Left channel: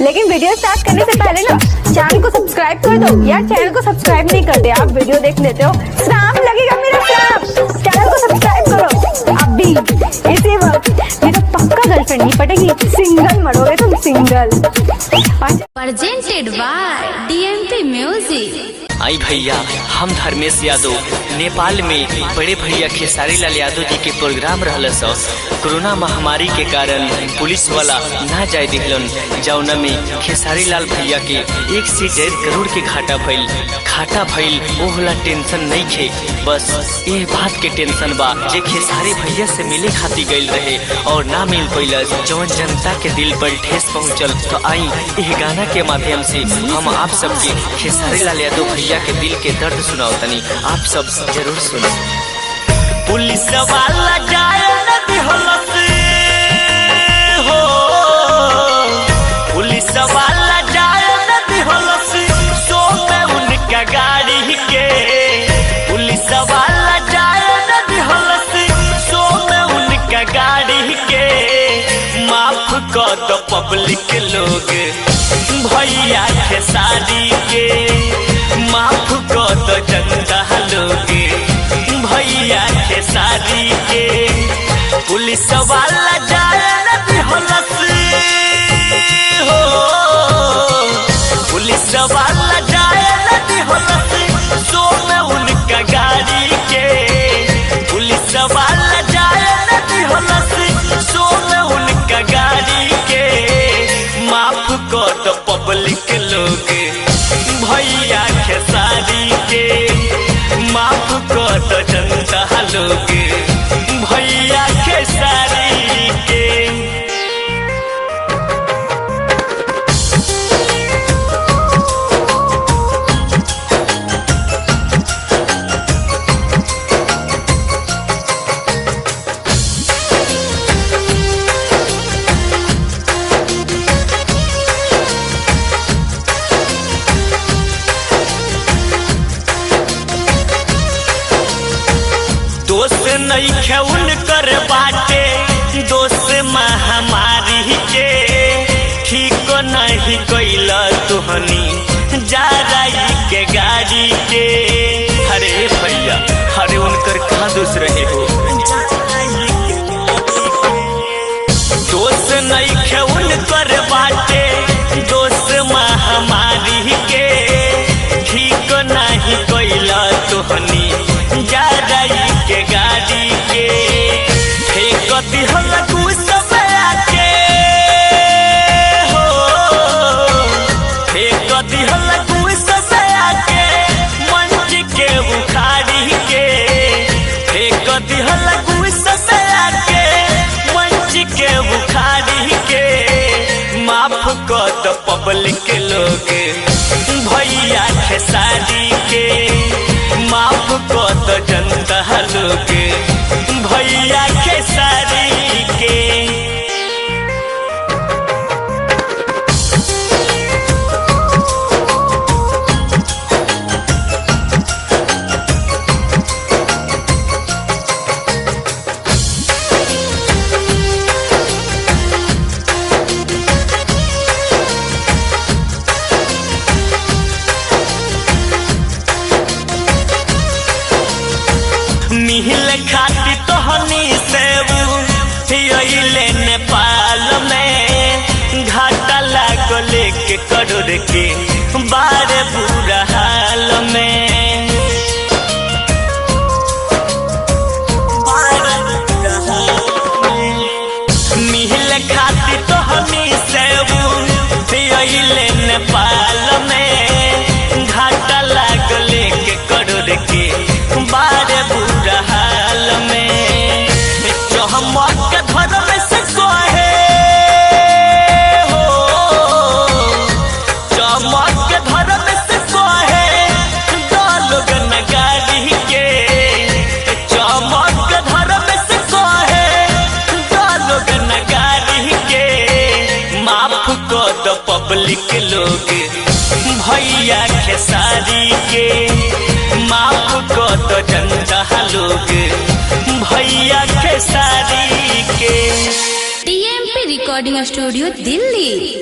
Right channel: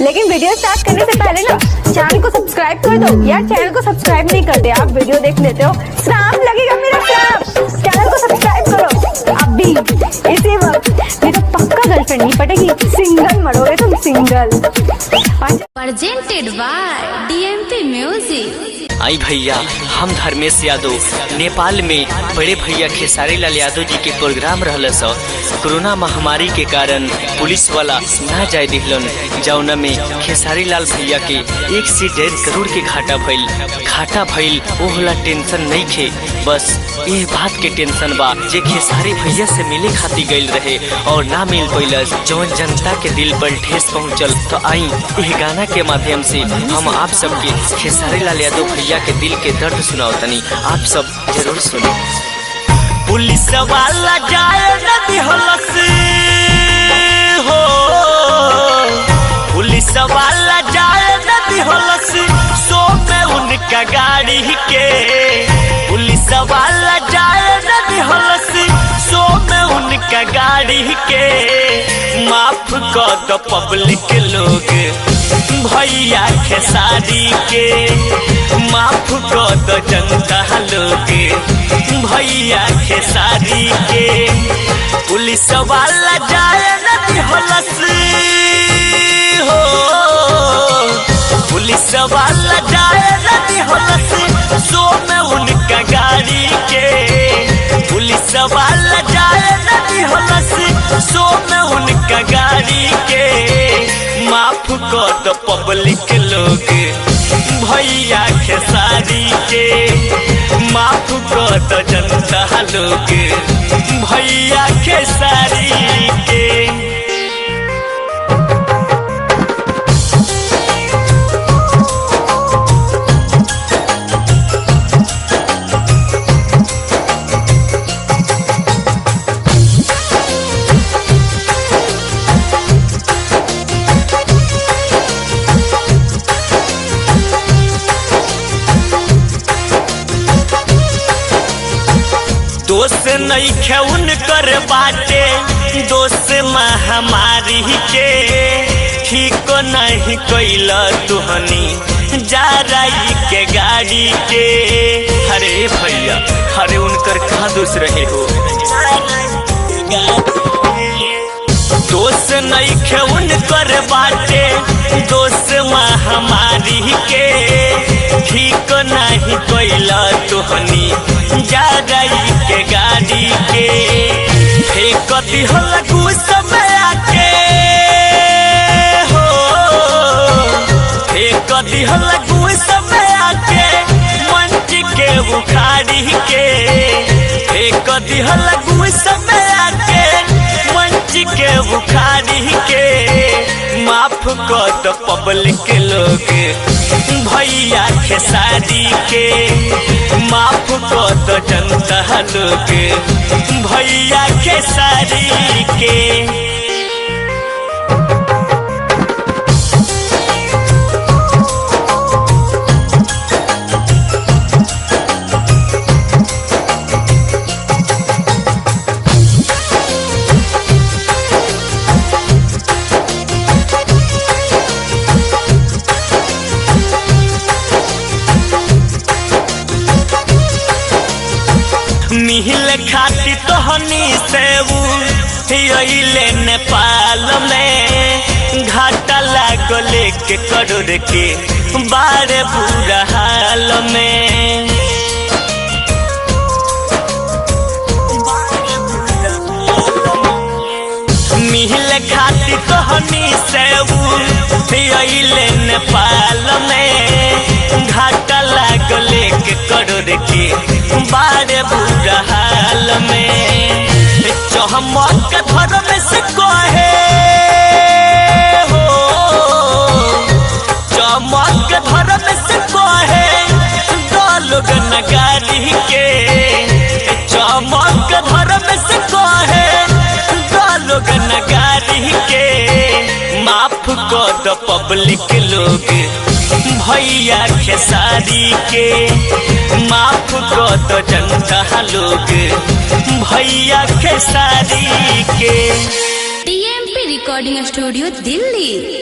लेकिन video start करने से पहले ना चैनल को सब्सक्राइब कर दो। यार चैनल को सब्सक्राइब नहीं करते, आप वीडियो देख लेते हो। श्राप लगेगा मेरा, श्राप। चैनल को सब्सक्राइब करो अभी इसी वक्त, नहीं तो पक्का गर्लफ्रेंड नहीं पटेगी, सिंगल मरोगे तुम, single. Presented by DMP music. आई भैया, हम धर्मेश यादव नेपाल में बड़े भैया खेसारी लाल यादव जी के प्रोग्राम रहल स। कोरोना महामारी के कारण पुलिस वाला ना जाए दिहलन, जौना में खेसारी लाल भैया के 1 से 1.5 करोड़ के घाटा भइल। ओहला टेंशन नहीं खे, बस ये बात के टेंशन बा जे खेसारी भैया से मिले खातिर गइल रहे और ना मिल पैलस, जौन जनता के दिल पर ठेस पहुँचल। तो आई यह गाना के माध्यम से हम आप सबके खेसारी लाल यादव भैया के दिल के दर्द सुनाओ तनी, आप सब जरूर सुने। पुलिस वाला जाए नदी हलस हो, पुलिस वाला जाए नदी हलस, सो में उनका गाड़ी के। पुलिस वाला जाए नदी हलस, सो में उनका गाड़ी के। माफ कर दो पब्लिक लोग भैया खेसारी के, माफ कर दो जनता लोग भैया खेसारी के। पुलिस वाला जाए नदी हलस हो, पुलिस वाला जाए नदी हलस, सो में उनका गाड़ी के। पुलिस वाला जाए नदी हलस, सो में उनका गाड़ी के। माफ कर दो पब्लिक लोग भैया खेसारी के, माफ कर दो जनता लोग भैया खेसारी के। दोस्त नहीं खेउन कर बाटे, दोस्त महामारी के। ठीक नहीं कैल तुहनी जा रही के गाड़ी के। अरे भैया, अरे उनकर कहाँ दोस्त रहे हो। दोस्त नहीं खेउन कर बाटे, दोस्त महामारी के। ठीक नहीं कैल तुहनी जा रही के गाड़ी के। फेंक दिहल गुस्सा आके हो, फेंक दिहल गुस्सा आके मंच के उखाड़ी के। फेंक दिहल गुस्सा आके मंच के उखाड़ी के। माफ कर दो पब्लिक लोग भैया खेसारी के, माफ कर दो जनता लोग भैया खेसारी के। मिहिल खाती तोहनी से अइले नेपाल में। घाटा लागल 1 करोड़ के बारे बुरा हाल में। मिहिल खाती तोहनी से अइले नेपाल में। घाटा लागल 1 करोड़ के बारे बुरा हाल में। चमक धर्म से कहे हो, चमक धर्म से कहे दो लोग नगारी के। चमक धर्म से कहे दो लोग नगारी के। माफ कर दो पब्लिक लोग भैया खेसारी के। माफ कर दो जनता लोग भैया खेसारी के। DMP recording studio Delhi.